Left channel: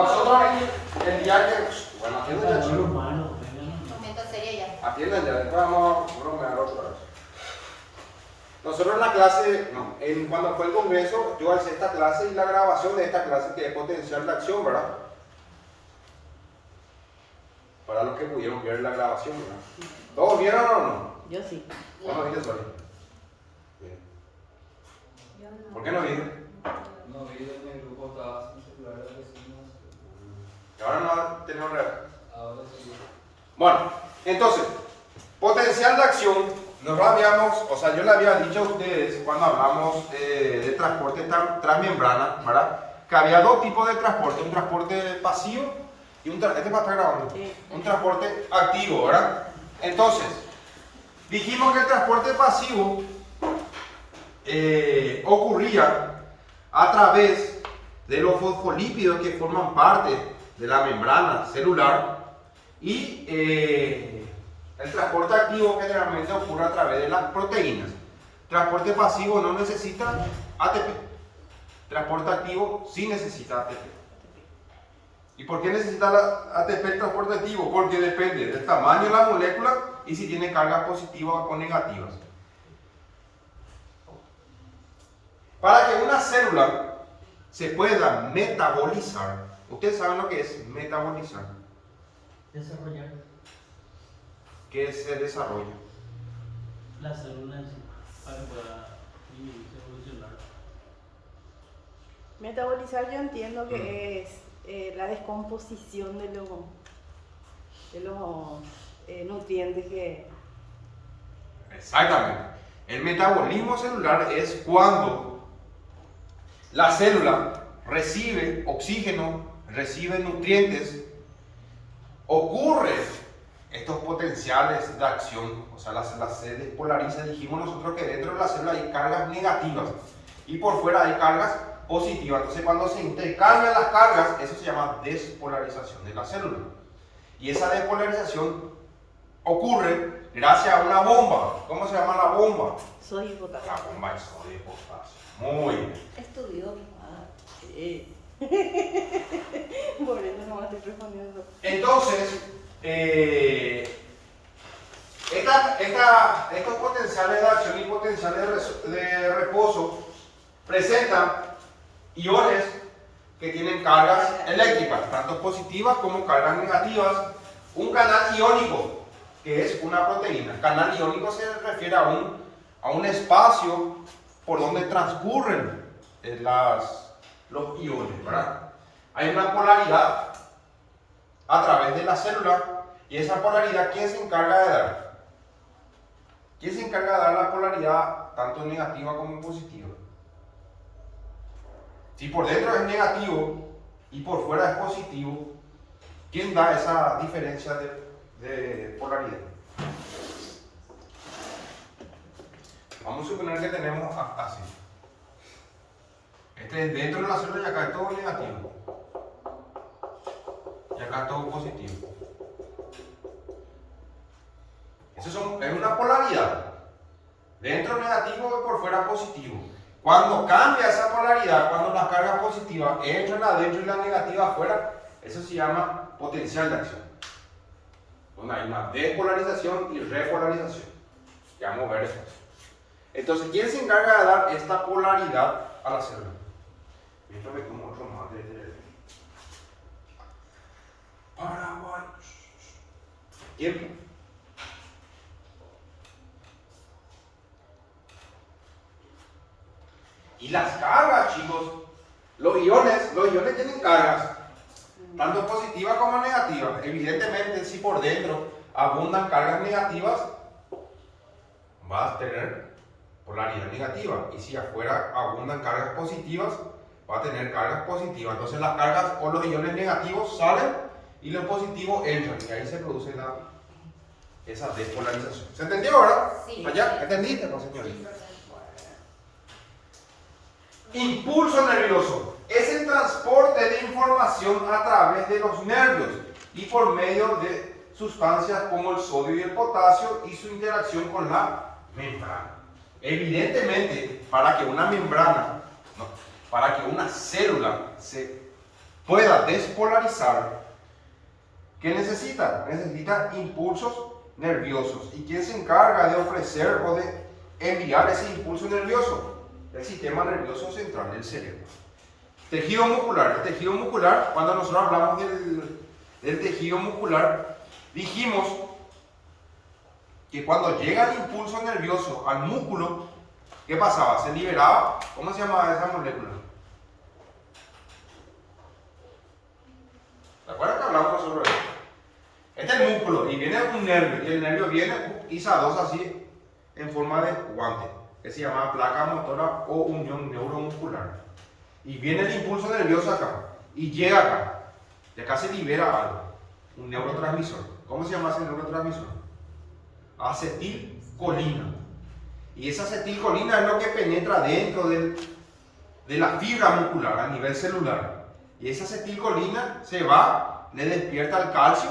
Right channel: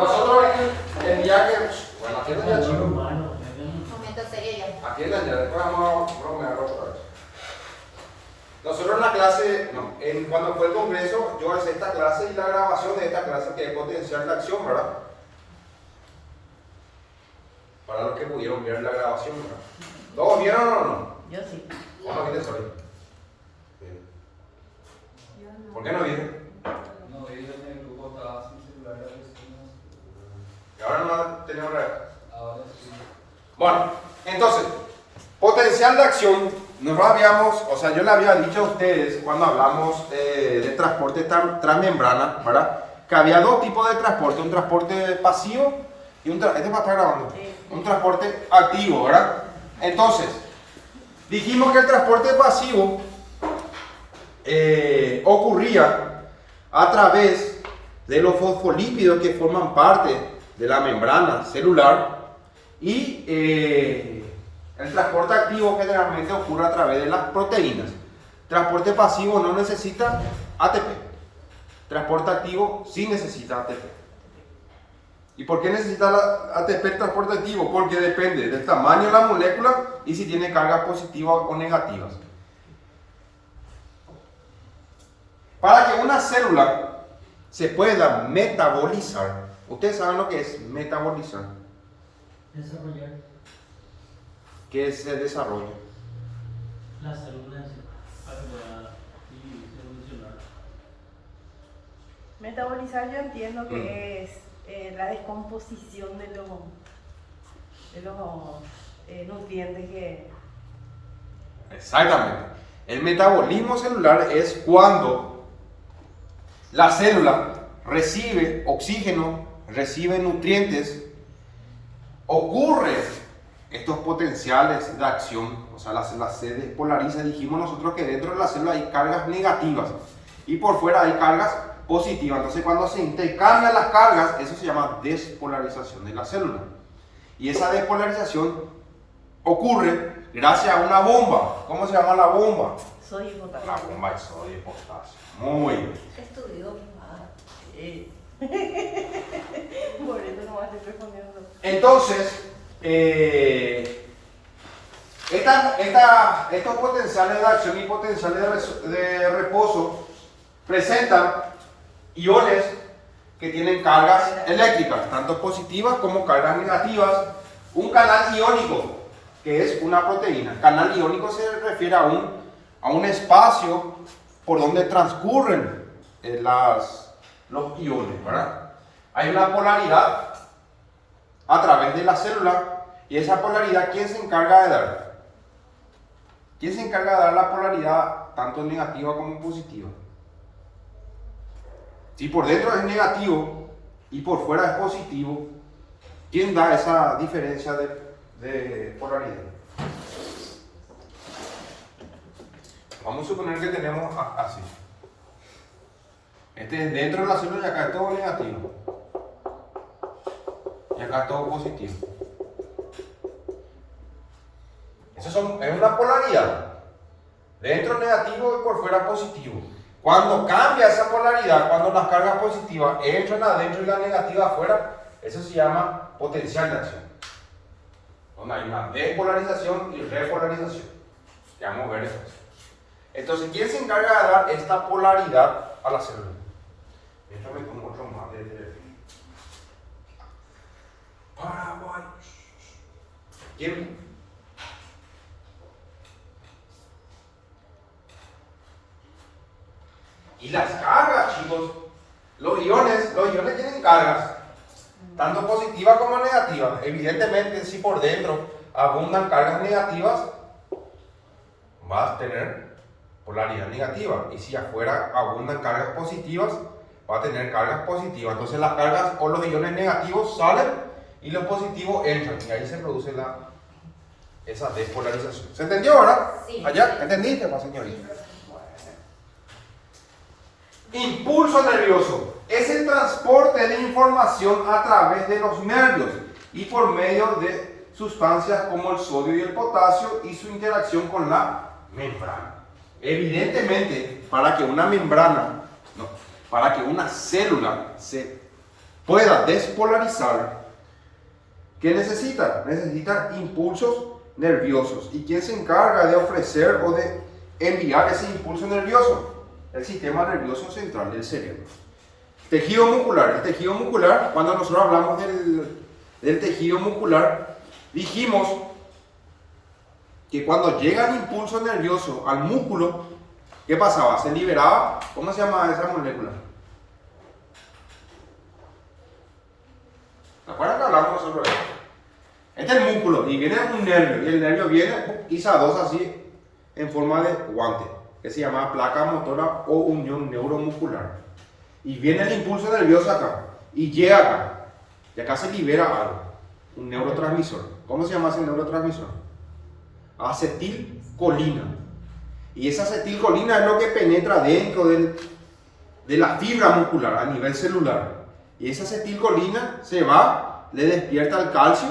Nosotros el día que... Bueno, aquí es el chico. Un momento serio ya. Aquí es donde después vamos a bromear otra vez. Nosotros en la clase, no, cuando fue el congreso, yo alcé esta clase y la grabación de esta clase que es potencial de acción, ¿verdad? Para los que pudieron ver la grabación, ¿verdad? ¿Todos vieron o no? Yo sí. ¿Vos no viste, Soli? Bien. ¿Por qué no viste? No, ellos en el grupo estaban sin celular las vecinas. Y ahora no tenemos real. Ahora sí. Bueno, entonces, potencial de acción, nosotros habíamos, o sea, yo le había dicho a ustedes cuando hablamos de transporte transmembrana, ¿verdad? Que había dos tipos de transporte, un transporte pasivo y un transporte, este va a estar grabando, Sí. un transporte activo, ¿verdad? Entonces, dijimos que el transporte pasivo ocurría a través de los fosfolípidos que forman parte de la membrana celular y el transporte activo generalmente ocurre a través de las proteínas. Transporte pasivo no necesita ATP. Transporte activo sí necesita ATP. ¿Y por qué necesita la ATP el transporte activo? Porque depende del tamaño de la molécula y si tiene cargas positivas o negativas. Para que una célula se pueda metabolizar, ustedes saben lo que es metabolizar. Desarrollar ¿Qué se desarrolla? las células para que pueda evolucionar. Metabolizar yo entiendo que es la descomposición de los nutrientes que... Exactamente. El metabolismo celular es cuando la célula recibe oxígeno, recibe nutrientes, ocurre estos potenciales de acción, o sea, la célula se despolariza. Dijimos nosotros que dentro de la célula hay cargas negativas y por fuera hay cargas positivas. Entonces, cuando se intercambian las cargas, eso se llama despolarización de la célula. Y esa despolarización ocurre gracias a una bomba. ¿Cómo se llama la bomba? Soy potasio. La bomba de sodio y potasio. Muy bien. Estudió mi madre. Por eso no me estoy respondiendo. Entonces, estos potenciales de acción y potenciales de reposo presentan iones que tienen cargas eléctricas, tanto positivas como cargas negativas. Un canal iónico, que es una proteína. Canal iónico se refiere a un espacio por donde transcurren los iones, ¿verdad? Hay una polaridad a través de la célula y esa polaridad, ¿quién se encarga de dar? ¿Quién se encarga de dar la polaridad tanto negativa como positiva? Si por dentro es negativo y por fuera es positivo, ¿quién da esa diferencia de polaridad? Vamos a suponer que tenemos así. Este es dentro de la célula y acá es todo negativo. Y acá es todo positivo. Es una polaridad. Dentro negativo y por fuera positivo. Cuando cambia esa polaridad, cuando las cargas positivas entran adentro y las negativas afuera, eso se llama potencial de acción. Donde hay una despolarización y repolarización. Ya vamos a ver eso. Entonces, ¿quién se encarga de dar esta polaridad a la célula? Déjame como otro más de Paraguay. ¿Quién? Y las cargas, chicos. Los iones tienen cargas, tanto positivas como negativas. Evidentemente, si por dentro abundan cargas negativas, vas a tener polaridad negativa. Y si afuera abundan cargas positivas, va a tener cargas positivas. Entonces las cargas o los iones negativos salen y los positivos entran. Y ahí se produce esa despolarización. ¿Se entendió, verdad? Sí. ¿Allá? ¿Entendiste, señorita? Impulso nervioso es el transporte de información a través de los nervios y por medio de sustancias como el sodio y el potasio y su interacción con la membrana. Evidentemente, para que una célula se pueda despolarizar, ¿qué necesita? Necesita impulsos nerviosos. ¿Y quién se encarga de ofrecer o de enviar ese impulso nervioso? El sistema nervioso central del cerebro. Tejido muscular. El tejido muscular, cuando nosotros hablamos del tejido muscular, dijimos que cuando llega el impulso nervioso al músculo, ¿qué pasaba? Se liberaba, ¿cómo se llama esa molécula? ¿Se acuerdan que hablamos sobre eso? Este es el músculo y viene un nervio, y el nervio viene y se adosa así en forma de guante, que se llama placa motora o unión neuromuscular. Y viene el impulso nervioso acá, y llega acá, y acá se libera algo, un neurotransmisor. ¿Cómo se llama ese neurotransmisor? Acetilcolina. Y esa acetilcolina es lo que penetra dentro de la fibra muscular a nivel celular. Y esa acetilcolina se va, le despierta el calcio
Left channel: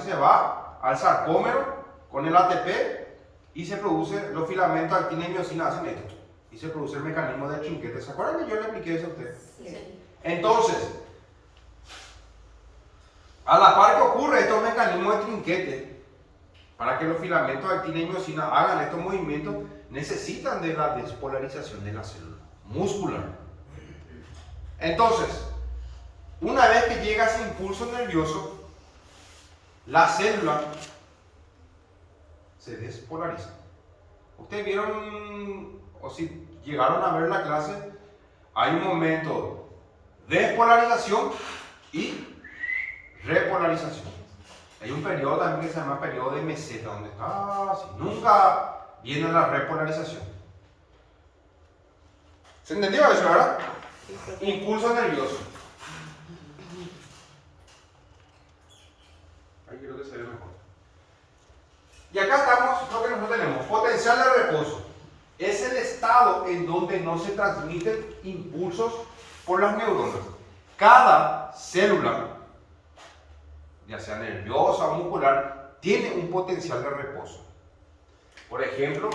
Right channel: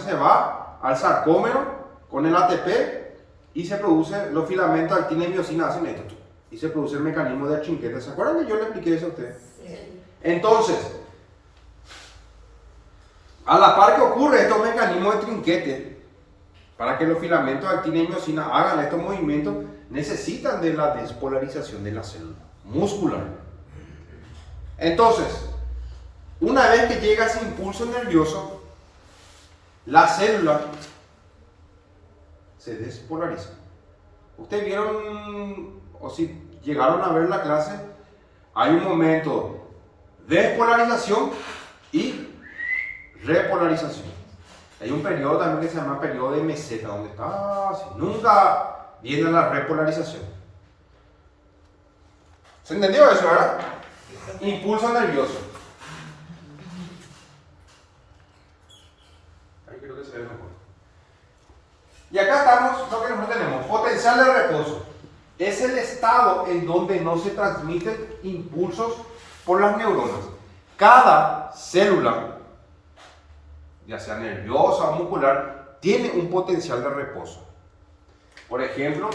se va al sarcómero con el ATP y se produce, los filamentos actina y miosina hacen esto. Y se produce el mecanismo del trinquete. ¿Se acuerdan que yo le expliqué eso a ustedes? Sí. Entonces, a la par que ocurre estos mecanismos de trinquete, para que los filamentos de actina y miosina hagan estos movimientos, necesitan de la despolarización de la célula muscular. Entonces, una vez que llega ese impulso nervioso, la célula se despolariza. Ustedes vieron, o si llegaron a ver la clase, hay un momento de despolarización y repolarización. Hay un periodo también que se llama periodo de meseta, donde está así. Nunca viene la repolarización. ¿Se entendió eso, verdad? Impulso nervioso. Ahí creo que se ve mejor. Y acá estamos, lo que nosotros tenemos, potencial de reposo. Es el estado en donde no se transmiten impulsos por las neuronas. Cada célula, ya sea nerviosa o muscular, tiene un potencial de reposo. Por ejemplo,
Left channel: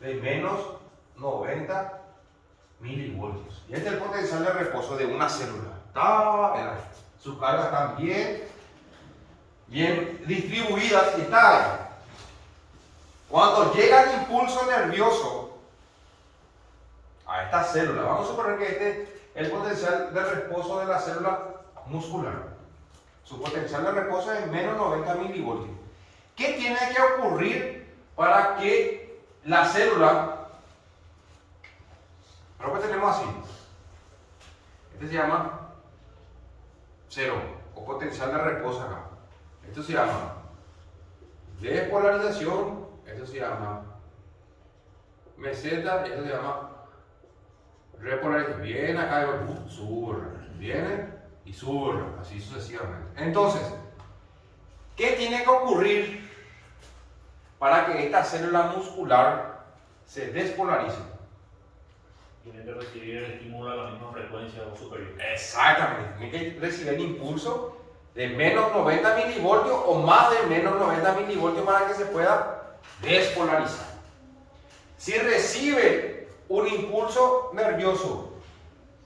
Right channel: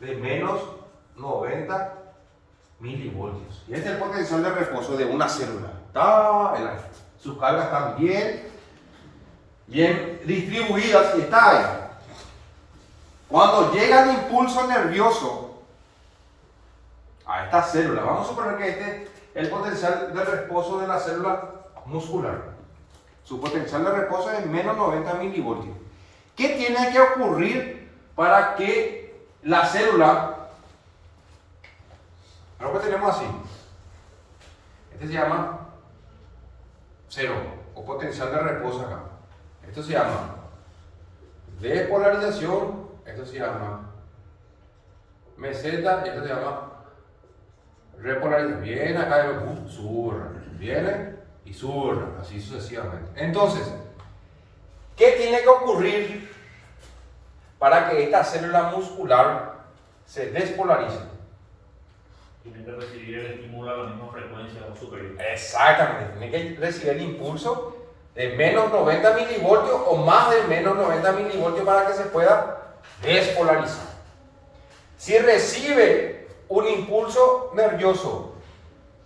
de menos 90 milivoltios. Y este es el potencial de reposo de una célula. Sus cargas están bien distribuidas y está ahí. Cuando llega el impulso nervioso a esta célula, vamos a suponer que este es el potencial de reposo de la célula muscular. Su potencial de reposo es menos 90 milivoltios. ¿Qué tiene que ocurrir para que la célula, ahora que tenemos así, este se llama cero o potencial de reposo acá. Esto se llama despolarización, esto se llama meseta, esto se llama repolarización. Viene acá y sube, viene y sube, así sucesivamente. Entonces, ¿qué tiene que ocurrir para que esta célula muscular se despolarice? Tiene que recibir el estímulo a la misma frecuencia o superior. Exactamente, tiene que recibir el impulso de menos 90 milivoltios o más de menos 90 milivoltios para que se pueda despolarizar. Si recibe un impulso nervioso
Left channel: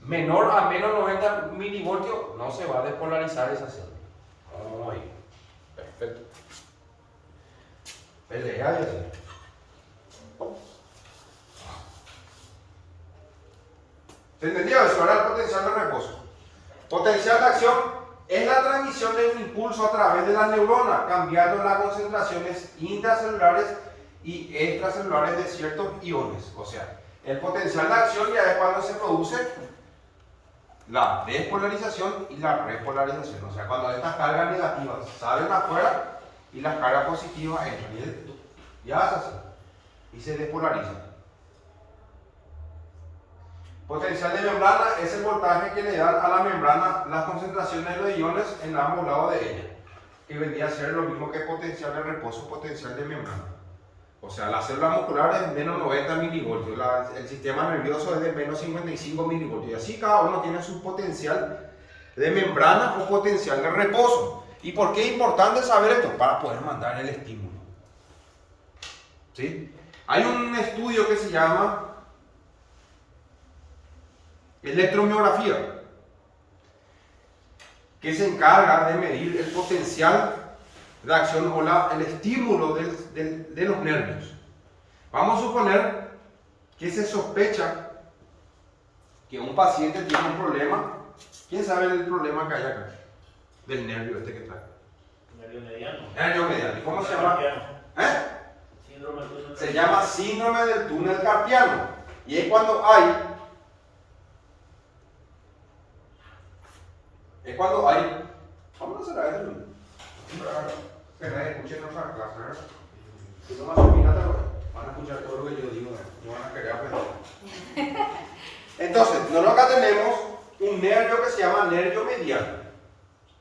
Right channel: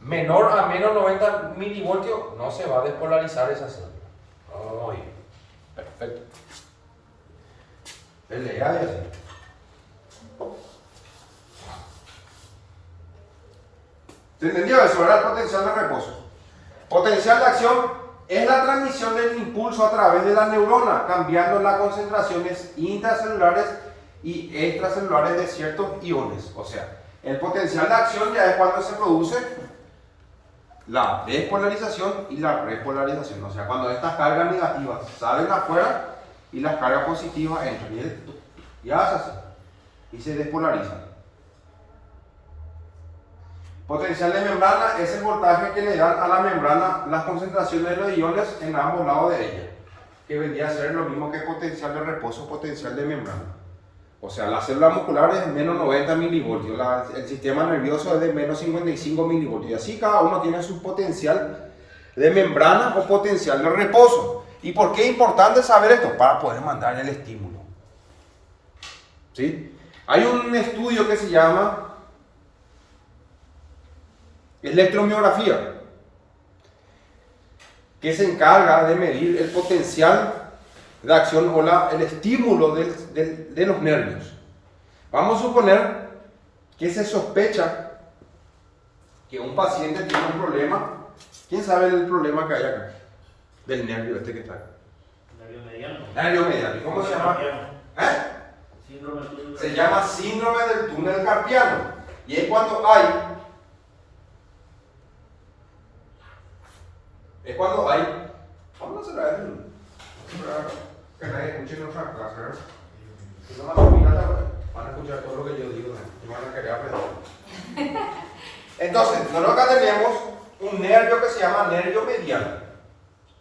menor a menos 90 milivoltios, no se va a despolarizar esa célula. Muy bien, perfecto. Lea y así. ¿Se entendió eso? Era el potencial de reposo. Potencial de acción es la transmisión del impulso a través de la neurona, cambiando las concentraciones intracelulares y extracelulares de ciertos iones. O sea, el potencial de acción ya es cuando se produce la despolarización y la repolarización. O sea, cuando estas cargas negativas salen afuera y las cargas positivas entran. Y hace así. Y se despolariza. Potencial de membrana es el voltaje que le dan a la membrana las concentraciones de los iones en ambos lados de ella, que vendría a ser lo mismo que potencial de reposo, potencial de membrana. O sea, la célula muscular es de menos 90 milivoltios, el sistema nervioso es de menos 55 milivoltios, y así cada uno tiene su potencial de membrana o potencial de reposo. ¿Y por qué es importante saber esto? Para poder mandar el estímulo. ¿Sí? Hay un estudio que se llama electromiografía. que se encarga de medir el potencial de acción o el estímulo de los nervios. Vamos a suponer que se sospecha que un paciente tiene un problema. ¿Quién sabe el problema que hay acá? Del nervio este que está. Nervio mediano. Nervio mediano. ¿Y cómo se llama? Síndrome del túnel Se carpiano. llama síndrome del túnel carpiano. Y es cuando hay. Vamos a cerrar que nadie escuche nuestra clase, ¿verdad? Si no más opinata, van a escuchar todo lo que yo digo, y van a querer aprender. Entonces, nosotros acá tenemos un nervio que se llama nervio mediano.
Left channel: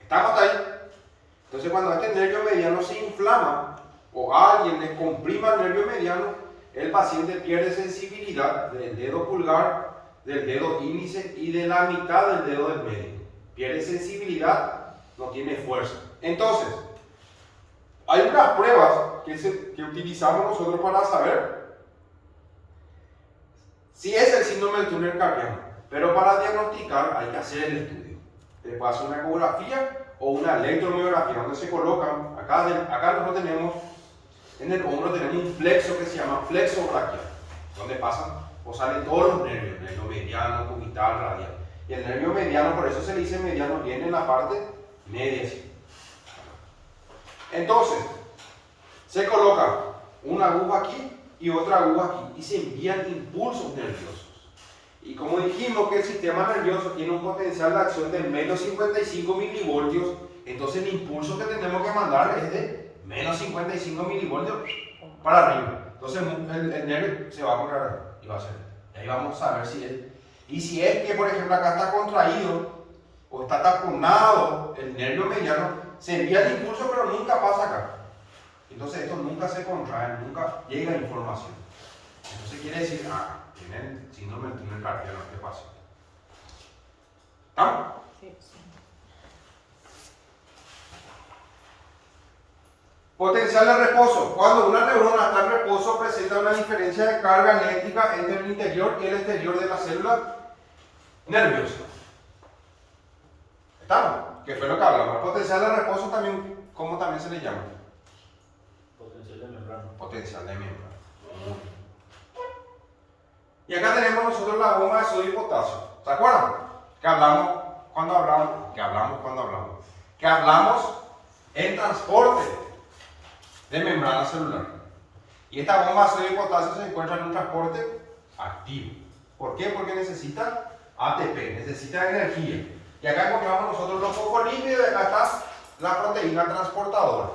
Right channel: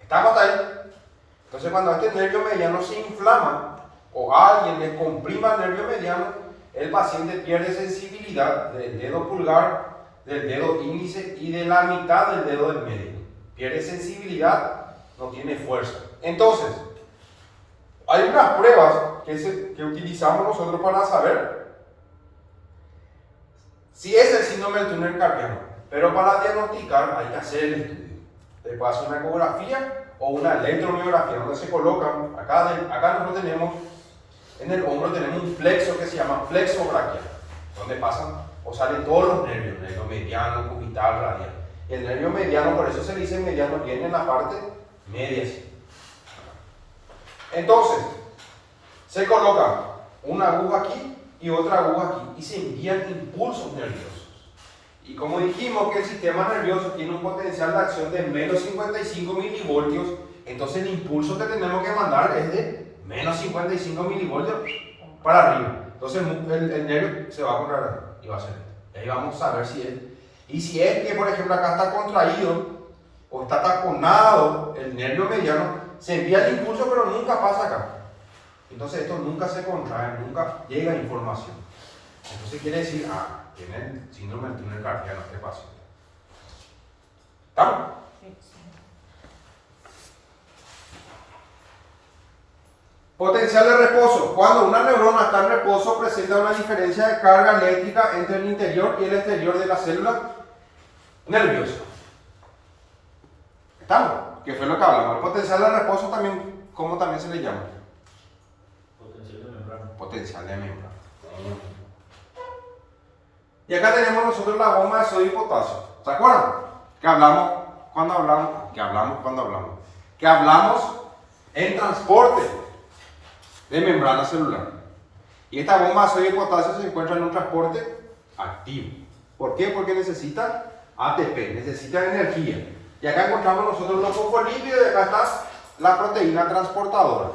¿Estamos ahí? Entonces, cuando este nervio mediano se inflama o alguien le comprima el nervio mediano, el paciente pierde sensibilidad del dedo pulgar, del dedo índice y de la mitad del dedo del medio. Pierde sensibilidad, no tiene fuerza. Entonces, hay unas pruebas que utilizamos nosotros para saber si es el síndrome del túnel carpiano. Pero para diagnosticar hay que hacer el estudio. Se puede hacer una ecografía o una electromiografía, donde se colocan, acá nosotros tenemos, en el hombro tenemos un plexo que se llama plexo braquial, donde pasan o salen todos los nervios, nervio mediano, cubital, radial. Y el nervio mediano, por eso se le dice mediano, viene en la parte media, así. Entonces, se coloca una aguja aquí y otra aguja aquí y se envían impulsos nerviosos. Y como dijimos que el sistema nervioso tiene un potencial de acción de menos 55 milivoltios, entonces el impulso que tenemos que mandar es de menos 55 milivoltios para arriba. Entonces el nervio se va a contraer y va a ser. Y ahí vamos a ver si es. Y si es que, por ejemplo, acá está contraído o está taponado el nervio mediano, se envía el impulso pero nunca pasa acá. Entonces esto nunca se contrae, nunca llega información. Entonces quiere decir, tiene el síndrome del túnel carpiano este paciente. ¿Estamos? Sí. Potencial de reposo. Cuando una neurona está en reposo, presenta una diferencia de carga eléctrica entre el interior y el exterior de la célula nerviosa. ¿Estamos? ¿Qué fue lo que hablamos? El potencial de reposo también, ¿cómo también se le llama? Potencial de membrana. Potencial de membrana. Y acá tenemos nosotros la bomba de sodio y potasio. ¿Se acuerdan? Que hablamos en transporte de membrana celular. Y esta bomba de sodio y potasio se encuentra en un transporte activo. ¿Por qué? Porque necesita ATP, necesita energía. Y acá encontramos nosotros los fosfolípidos y acá está la proteína transportadora.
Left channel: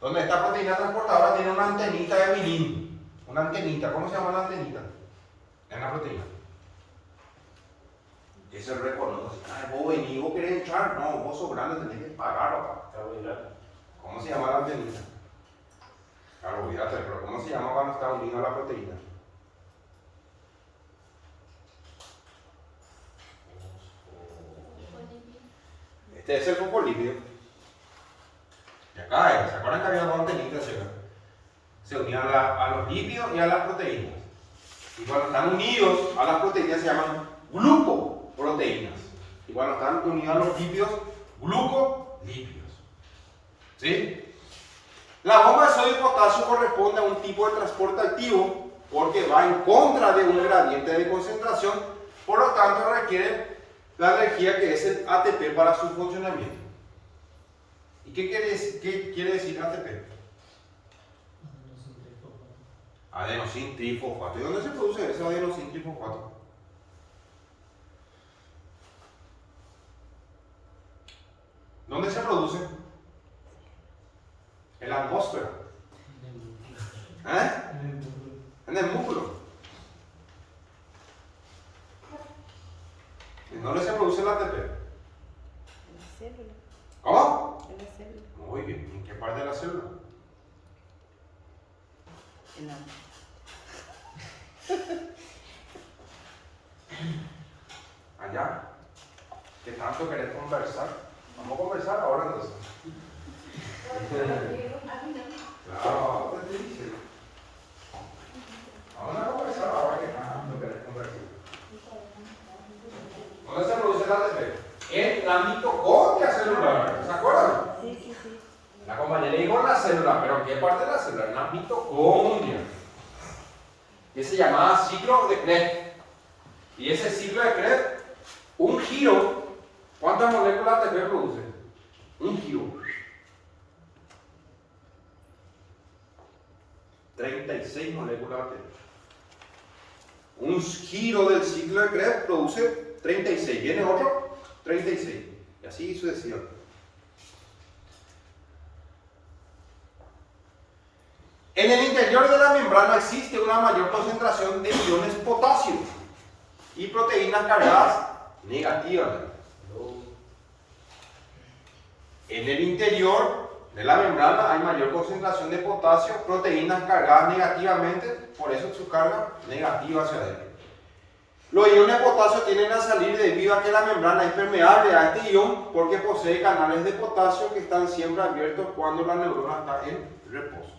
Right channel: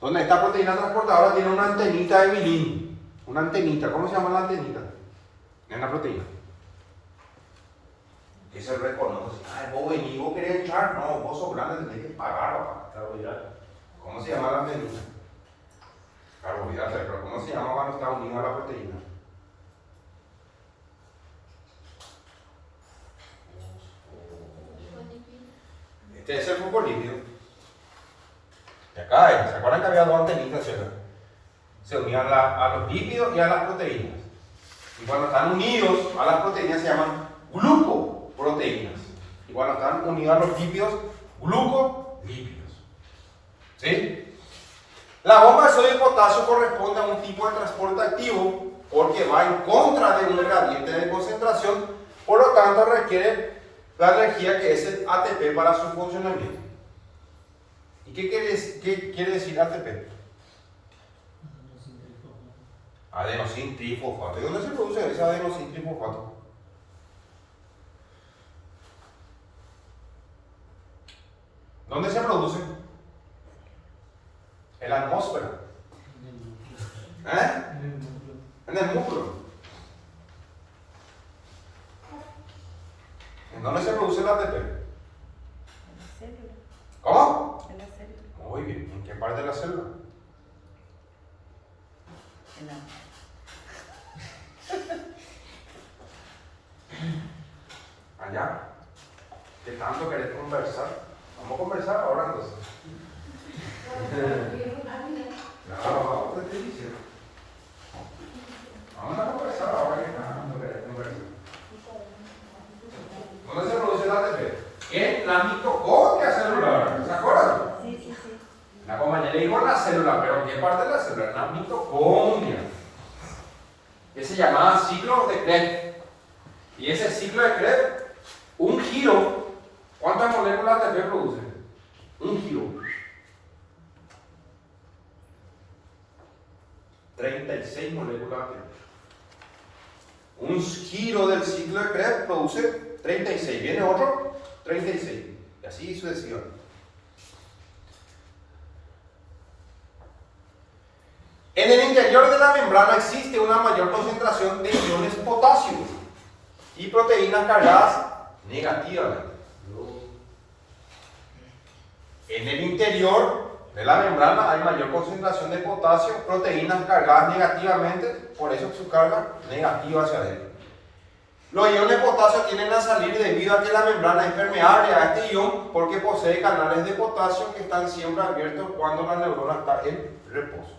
Donde esta proteína transportadora tiene una antenita de bilín. Una antenita, ¿cómo se llama la antenita? En la proteína. Que se reconoce. Vos venís, vos querés echar. No, vos sos grande, tenés que pagar, papá. Carbohidrato. ¿Cómo se llama la antenita? Carbohidrato, pero ¿cómo se llama cuando está unido a la proteína? Este es el fosfolípido. Y acá, ¿se acuerdan que había dos antenitas? Se unían a los lípidos y a las proteínas. Y cuando están unidos a las proteínas se llaman glucoproteínas. Y cuando están unidos a los lípidos, glucolípidos. ¿Sí? La bomba de sodio y potasio corresponde a un tipo de transporte activo porque va en contra de un gradiente de concentración, por lo tanto requiere la energía que es el ATP para su funcionamiento. ¿Y qué quiere decir ATP? Adenosín trifosfato. ¿Y dónde se produce ese adenosín trifosfato? ¿Dónde se produce? En la atmósfera. En el músculo. ¿En dónde se produce el ATP? En la célula. ¿Cómo? En la célula. Muy bien. ¿En qué parte de la célula? Allá. ¿Qué tanto querés conversar? Vamos a conversar ahora entonces. Claro, te estoy diciendo. Vamos a conversar ahora que tanto querés conversar. ¿Dónde se produce el ATP? En la mitocondria celular, ¿se acuerdan? Sí, sí, sí. La compañera le digo la célula, pero ¿qué parte de la célula? La mitocondria. Que se llamaba ciclo de Krebs. Y ese ciclo de Krebs, un giro, ¿cuántas moléculas ATP produce? Un giro. 36 moléculas ATP. Un giro del ciclo de Krebs produce 36. Viene otro, 36. Y así sucesivamente. En el interior de la membrana existe una mayor concentración de iones potasio y proteínas cargadas negativamente. En el interior de la membrana hay mayor concentración de potasio, proteínas cargadas negativamente, por eso su carga negativa hacia adentro. Los iones de potasio tienden a salir debido a que la membrana es permeable a este ion porque posee canales de potasio que están siempre abiertos cuando la neurona está en reposo.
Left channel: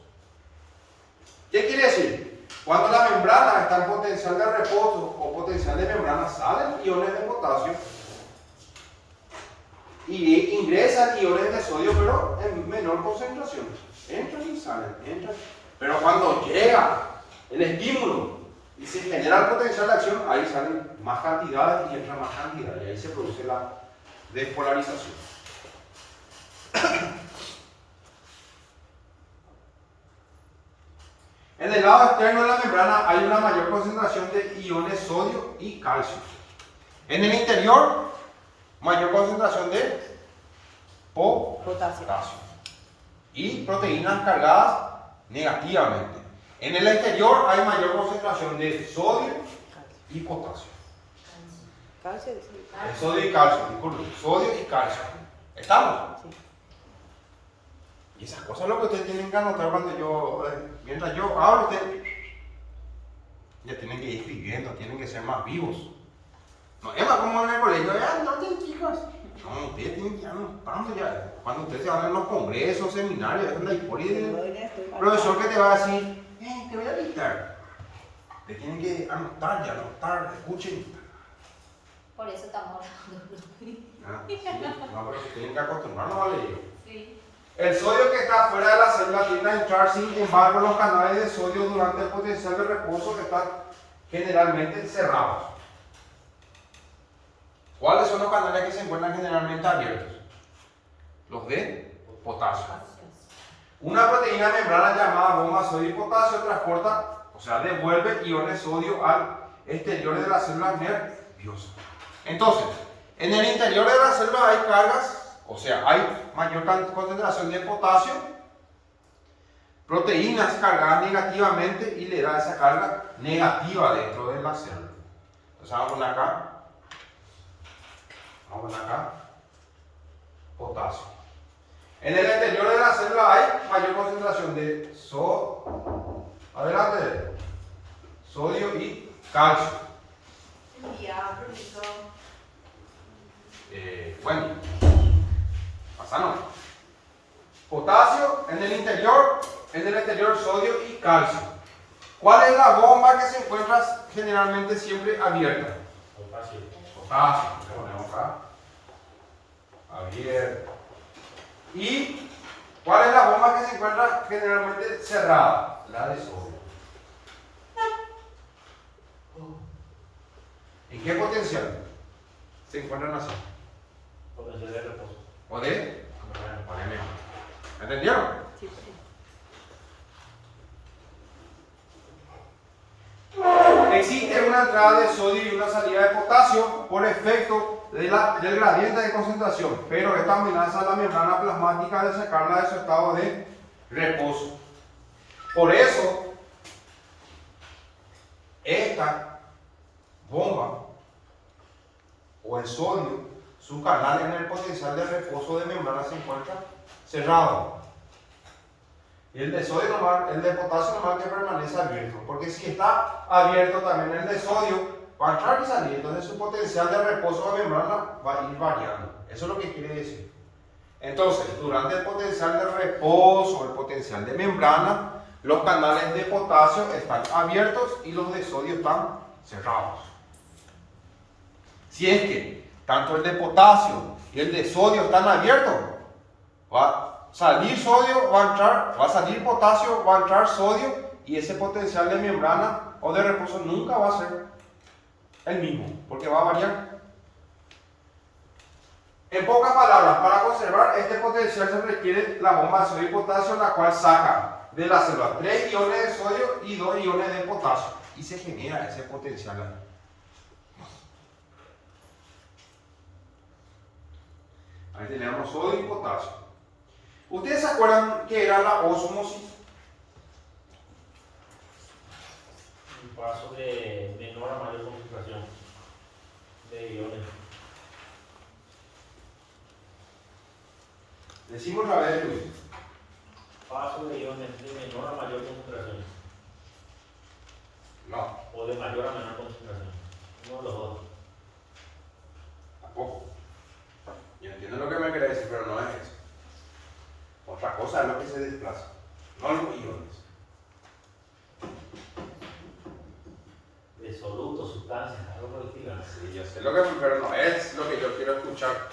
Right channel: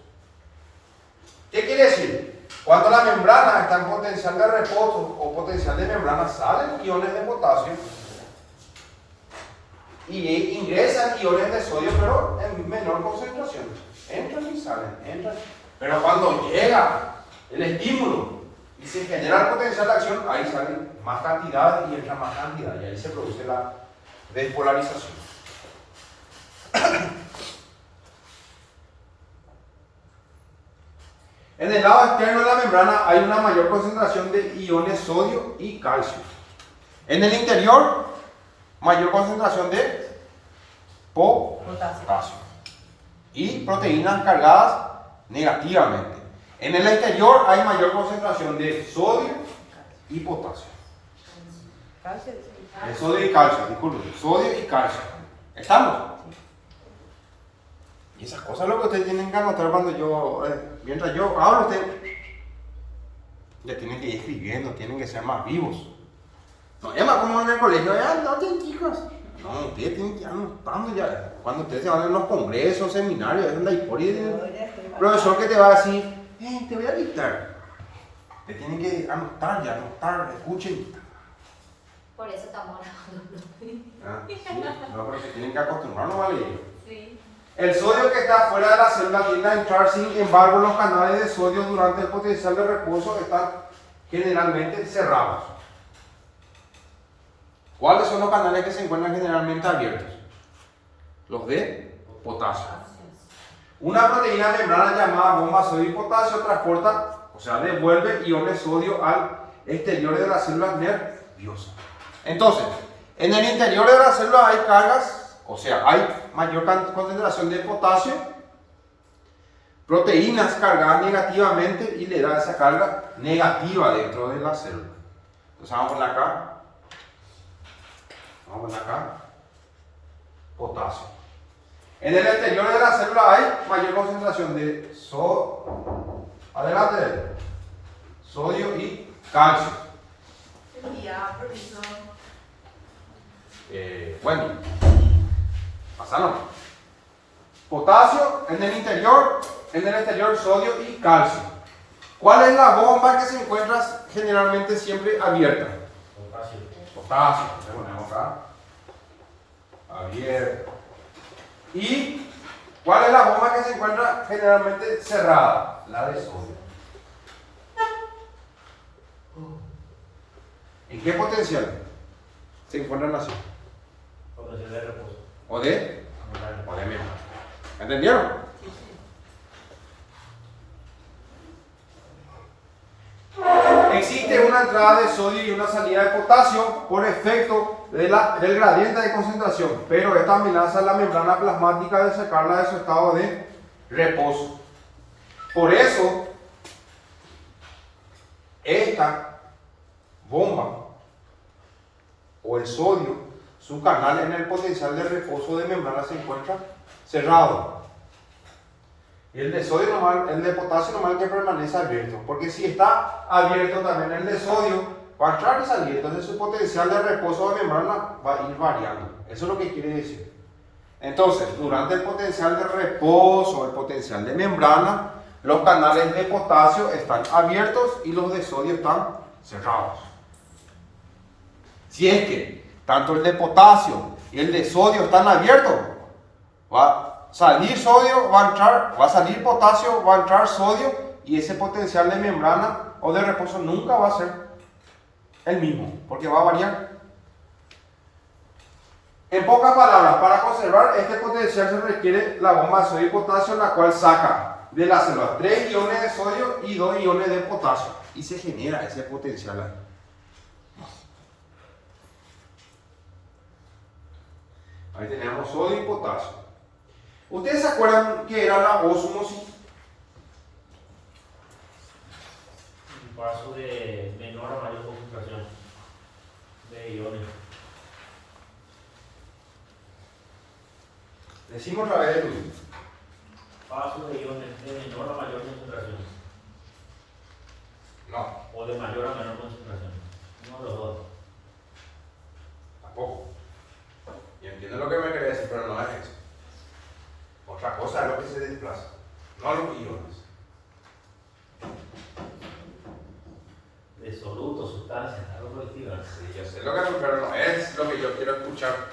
¿Qué quiere decir? Cuando la membrana está en potencial de reposo o potencial de membrana, salen iones de potasio y ingresan iones de sodio, pero en menor concentración. Entran y salen, entran. Pero cuando llega el estímulo y se genera el potencial de acción, ahí salen más cantidades y entran más cantidades, y ahí se produce la despolarización. En el lado externo de la membrana hay una mayor concentración de iones sodio y calcio. En el interior, mayor concentración de potasio y proteínas cargadas negativamente. En el exterior hay mayor concentración de sodio y potasio. Calcio, sí. Sodio y calcio, disculpen, sodio y calcio. ¿Estamos? Y esas cosas es lo que ustedes tienen que anotar mientras yo hablo, ustedes ya tienen que ir escribiendo, tienen que ser más vivos. No es más como en el colegio, anoten chicos. No, ustedes tienen que ir anotando ya. Cuando ustedes se van en los congresos, seminarios, es la historia del profesor que te va a decir, te voy a dictar. Te tienen que anotar, escuchen. Por eso estamos hablando. Sí. No, pero se tienen que acostumbrar nomás a leer. Sí. El sodio que está fuera de la célula tiende a entrar, sin embargo, los canales de sodio durante el potencial de reposo están generalmente cerrados. ¿Cuáles son los canales que se encuentran generalmente abiertos? Los de potasio. Una proteína membrana llamada bomba sodio y potasio transporta, o sea, devuelve iones sodio al exterior de las células nerviosas. Entonces, en el interior de la célula hay cargas, o sea, hay mayor concentración de potasio, proteínas cargadas negativamente y le da esa carga negativa dentro de la célula. Entonces vamos a poner acá. Vamos a poner acá. Potasio. En el exterior de la célula hay mayor concentración de sodio y calcio. Ya, profesor. Bueno, pasaron. Potasio en el exterior sodio y calcio. ¿Cuál es la bomba que se encuentra generalmente siempre abierta? Potasio. Le ponemos acá. Abierta. ¿Y cuál es la bomba que se encuentra generalmente cerrada? La de sodio. ¿En qué potencial se encuentran así? Potencial de reposo. ¿O de mismo? ¿Entendieron? Sí, sí. Existe una entrada de sodio y una salida de potasio por efecto del gradiente de concentración, pero esta amenaza la membrana plasmática de sacarla de su estado de reposo. Por eso, esta bomba o el sodio, su canal en el potencial de reposo de membrana se encuentra cerrado. El de sodio normal, el de potasio normal que permanece abierto, porque si está abierto también el de sodio va a entrar y salir, entonces su potencial de reposo de membrana va a ir variando. Eso es lo que quiere decir. Entonces, durante el potencial de reposo, el potencial de membrana, los canales de potasio están abiertos y los de sodio están cerrados. Si es que tanto el de potasio y el de sodio están abiertos, va a salir sodio, va a salir potasio, va a entrar sodio, y ese potencial de membrana o de reposo nunca va a ser el mismo, porque va a variar. En pocas palabras, para conservar este potencial se requiere la bomba de sodio y potasio, la cual saca de las células 3 iones de sodio y 2 iones de potasio, y se genera ese potencial ahí. Ahí tenemos sodio y potasio. ¿Ustedes se acuerdan que era la ósmosis? Un paso de menor a mayor concentración de iones. Decimos la vez de Luis. Paso de iones de menor a mayor concentración. No, O de mayor a menor concentración. Uno de los dos. tampoco. Yo entiendo lo que me quiere decir, pero no es eso. Otra cosa es lo que se desplaza, no los iones. De solutos, sustancias, algo por el estilo. Sí, yo sé lo que, pero no es lo que yo quiero escuchar.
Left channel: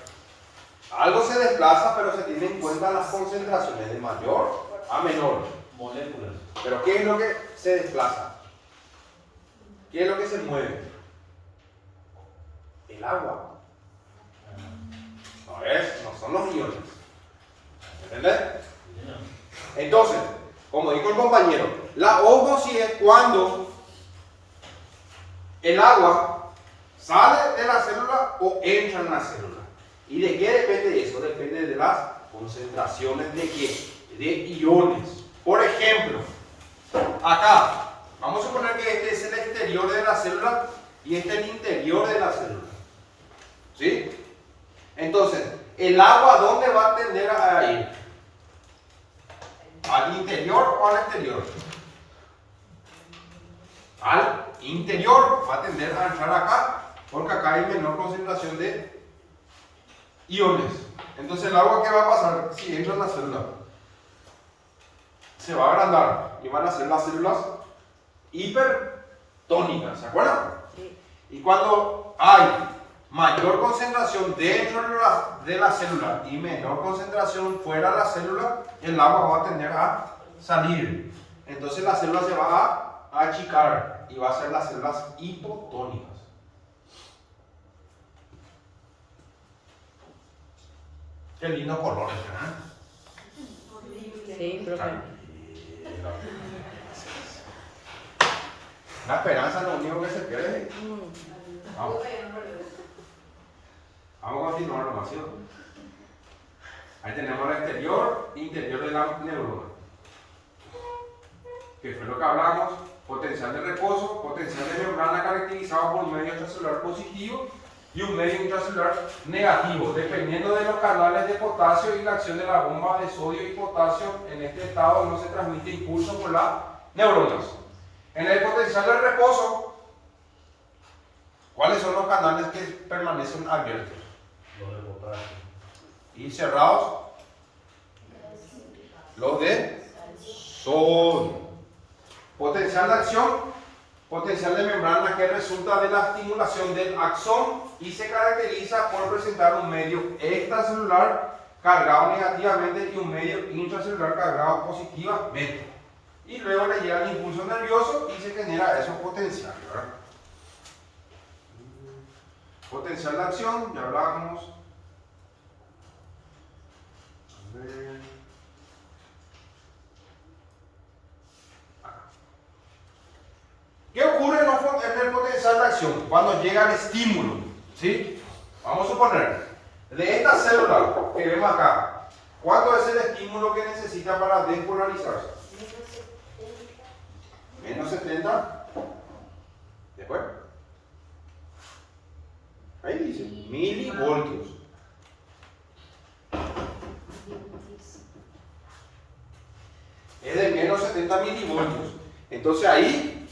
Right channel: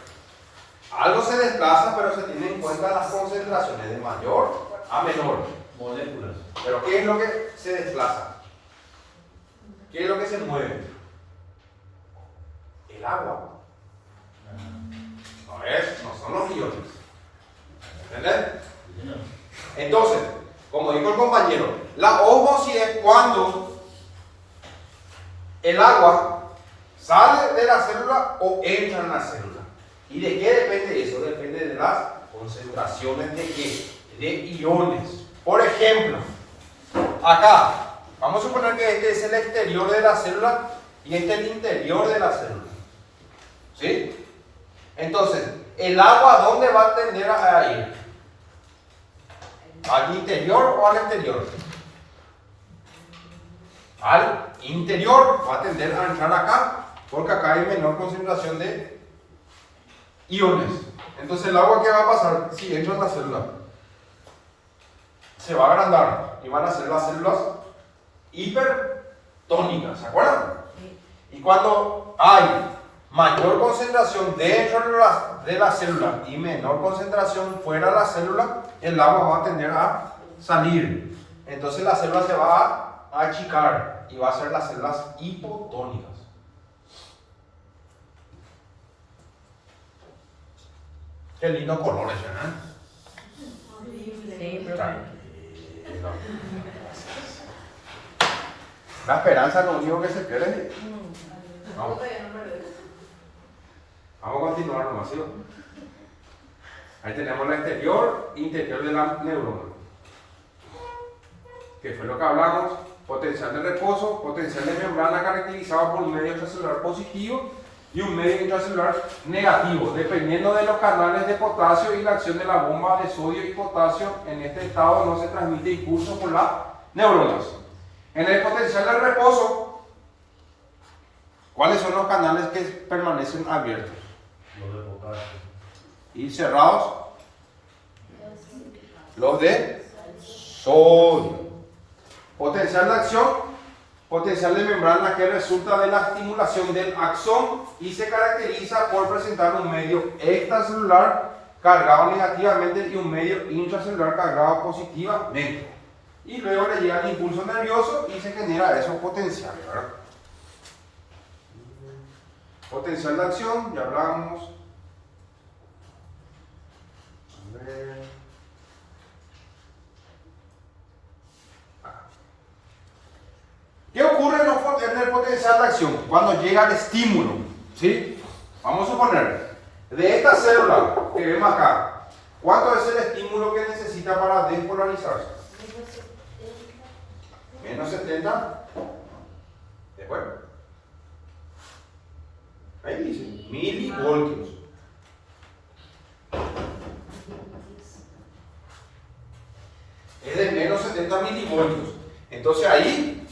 Algo se desplaza, pero se tienen en cuenta las concentraciones de mayor a menor. Moléculas. Pero ¿qué es lo que se desplaza? ¿Qué es lo que se mueve? El agua. No son los iones. ¿Entendés? Entonces, como dijo el compañero, la ósmosis es cuando el agua sale de la célula o entra en la célula. ¿Y de qué depende eso? Depende de las concentraciones de qué? De iones. Por ejemplo, acá, vamos a suponer que este es el exterior de la célula y este es el interior de la célula. ¿Sí? Entonces, ¿el agua dónde va a tender a ir? ¿Al interior o al exterior? Al interior, va a tender a entrar acá, porque acá hay menor concentración de iones. Entonces, ¿el agua qué va a pasar si entra en la célula? Se va a agrandar y van a ser las células hipertónicas, ¿se acuerdan? Sí. Y cuando hay mayor concentración dentro de la célula y menor concentración fuera de la célula, el agua va a tender a salir. Entonces la célula se va a achicar y va a ser las células hipotónicas. Qué lindo colores, ¿verdad? Sí, pero Tranquilo. La esperanza es lo único que se quiere. Vamos. Vamos a continuar nomás, ¿sí? Ahí tenemos el exterior, interior de la neurona. Que fue lo que hablamos. Potencial de reposo, potencial de membrana caracterizado por un medio intracelular positivo y un medio intracelular negativo, dependiendo de los canales de potasio y la acción de la bomba de sodio y potasio. En este estado no se transmite impulso por las neuronas. En el potencial de reposo, ¿cuáles son los canales que permanecen abiertos Los de potasio. y cerrados? Los de sodio. Potencial de acción, potencial de membrana que resulta de la estimulación del axón y se caracteriza por presentar un medio extracelular cargado negativamente y un medio intracelular cargado positivamente. Y luego le llega el impulso nervioso y se genera esos potenciales, ¿verdad? Potencial de acción, ya hablamos. A ver. ¿Qué ocurre en el potencial de acción? Cuando llega el estímulo, ¿sí? Vamos a suponer, de esta célula que vemos acá, ¿cuánto es el estímulo que necesita para despolarizarse? Menos 70. Después. Ahí dice, milivoltios. Es de menos 70 milivoltios. Entonces ahí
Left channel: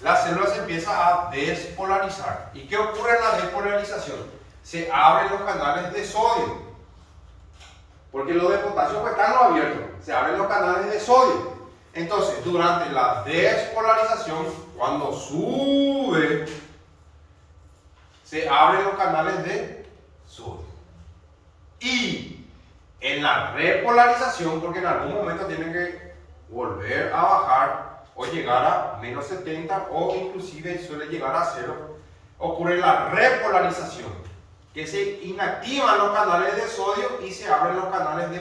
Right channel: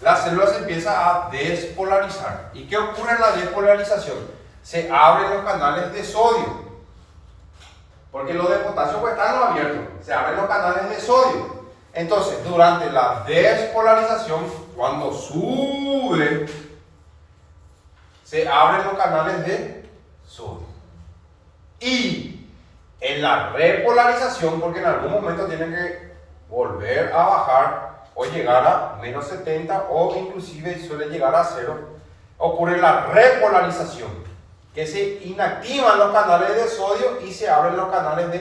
la célula se empieza a despolarizar. ¿Y qué ocurre en la despolarización? Se abren los canales de sodio. Porque los de potasio pues están abiertos. Se abren los canales de sodio. Entonces, durante la despolarización, cuando sube, se abren los canales de sodio. Y en la repolarización, porque en algún momento tienen que volver a bajar o llegar a menos 70 o inclusive suele llegar a 0, ocurre la repolarización, que se inactivan los canales de sodio y se abren los canales de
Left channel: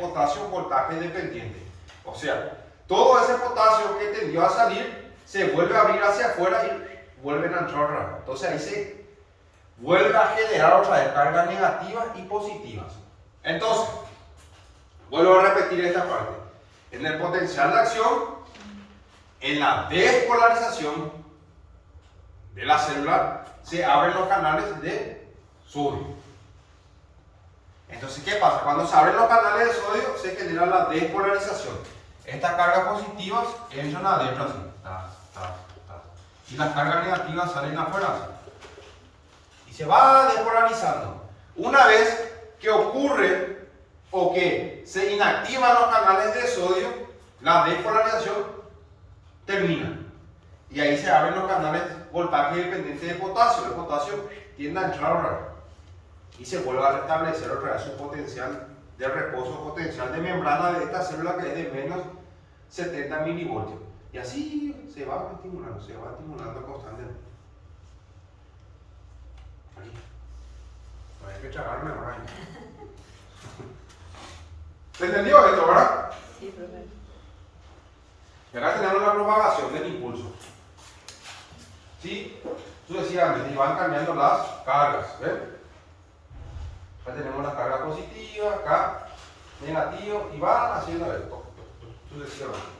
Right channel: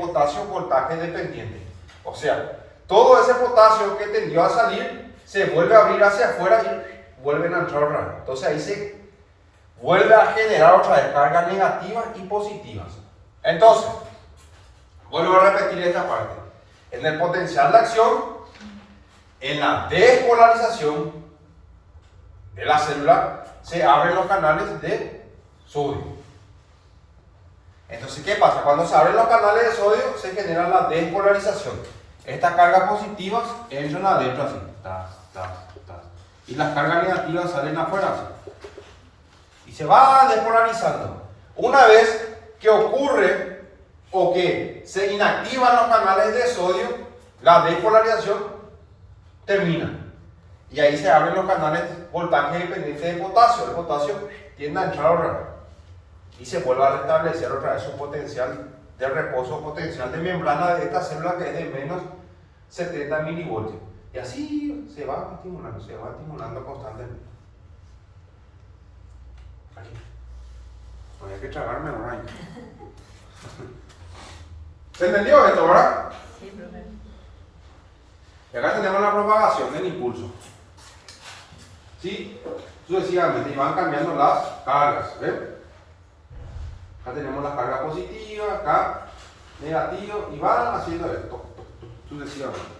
potasio voltaje dependiente. O sea, todo ese potasio que tendió a salir se vuelve a abrir hacia afuera y vuelven a entrar otra vez. Entonces ahí se vuelve a generar otra vez cargas negativas y positivas. Entonces, vuelvo a repetir esta parte. En el potencial de acción, en la despolarización de la célula, se abren los canales de sodio. Entonces, ¿qué pasa? Cuando se abren los canales de sodio, se genera la despolarización. Estas cargas positivas entran adentro así. Ta, ta, ta. Y las cargas negativas salen afuera así. Y se va despolarizando. Una vez que ocurre o que se inactivan los canales de sodio, la despolarización termina. Y ahí se abren los canales de voltaje dependiente de potasio. El potasio tiende a entrar otra vez. Y se vuelve a restablecer otra vez un potencial de reposo, potencial de membrana de esta célula que es de menos 70 milivoltios. Y así se va estimulando constantemente. Ahí. No hay que tragarme ahora. ¿Se entendió esto, verdad? Sí, profe. Y acá tenemos la propagación del impulso. ¿Sí? Sucesivamente, y van cambiando las cargas. ¿Ven? Acá tenemos las cargas positivas, acá negativas, y van haciendo esto sucesivamente.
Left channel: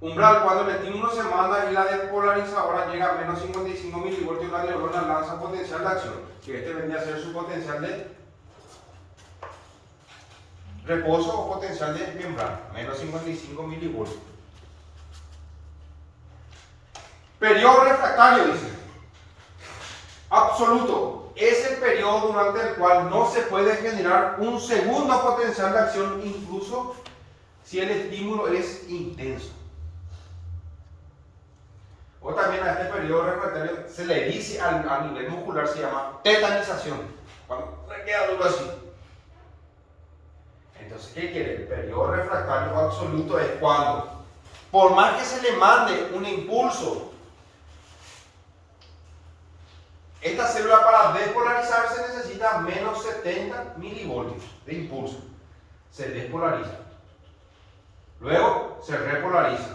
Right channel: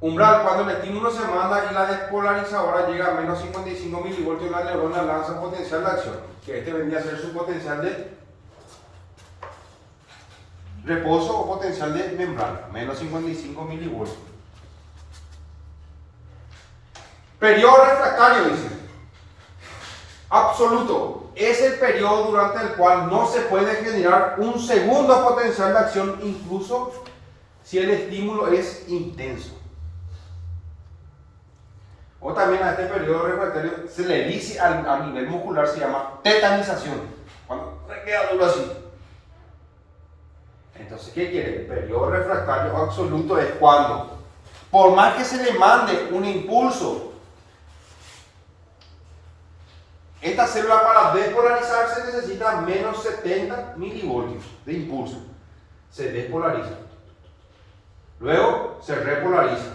Umbral, cuando el estímulo se manda y la despolarizadora llega a menos 55 milivoltios, la neurona lanza un potencial de acción, que este vendría a ser su potencial de reposo o potencial de membrana, menos 55 milivoltios. Periodo refractario, dice. Absoluto. Es el periodo durante el cual no se puede generar un segundo potencial de acción, incluso si el estímulo es intenso. O también a este periodo refractario se le dice a nivel muscular, se llama tetanización. Cuando queda duro así. Entonces, ¿qué quiere? El periodo refractario absoluto es cuando, por más que se le mande un impulso, esta célula para despolarizarse necesita menos 70 milivoltios de impulso. Se despolariza. Luego se repolariza.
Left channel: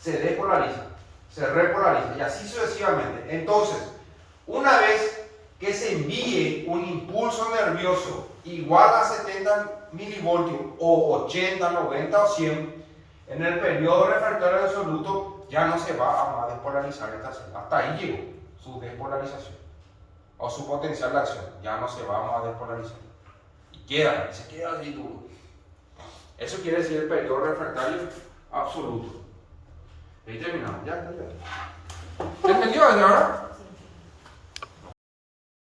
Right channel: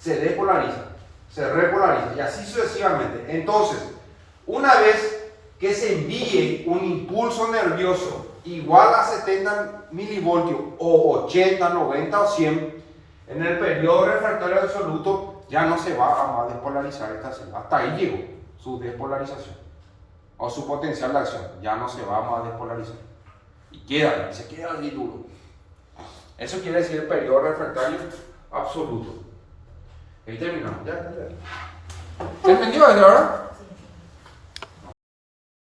Se despolariza. Se repolariza. Y así sucesivamente. Entonces, una vez que se envíe un impulso nervioso igual a 70 milivoltios o 80, 90 o 100, en el periodo refractario absoluto ya no se va a despolarizar esta célula. Hasta ahí llegó su despolarización o su potencial de acción. Ya no se va a despolarizar. Y se queda así duro. Eso quiere decir el periodo refractario absoluto. Ahí terminamos. Ya. ¿Se entendió, verdad?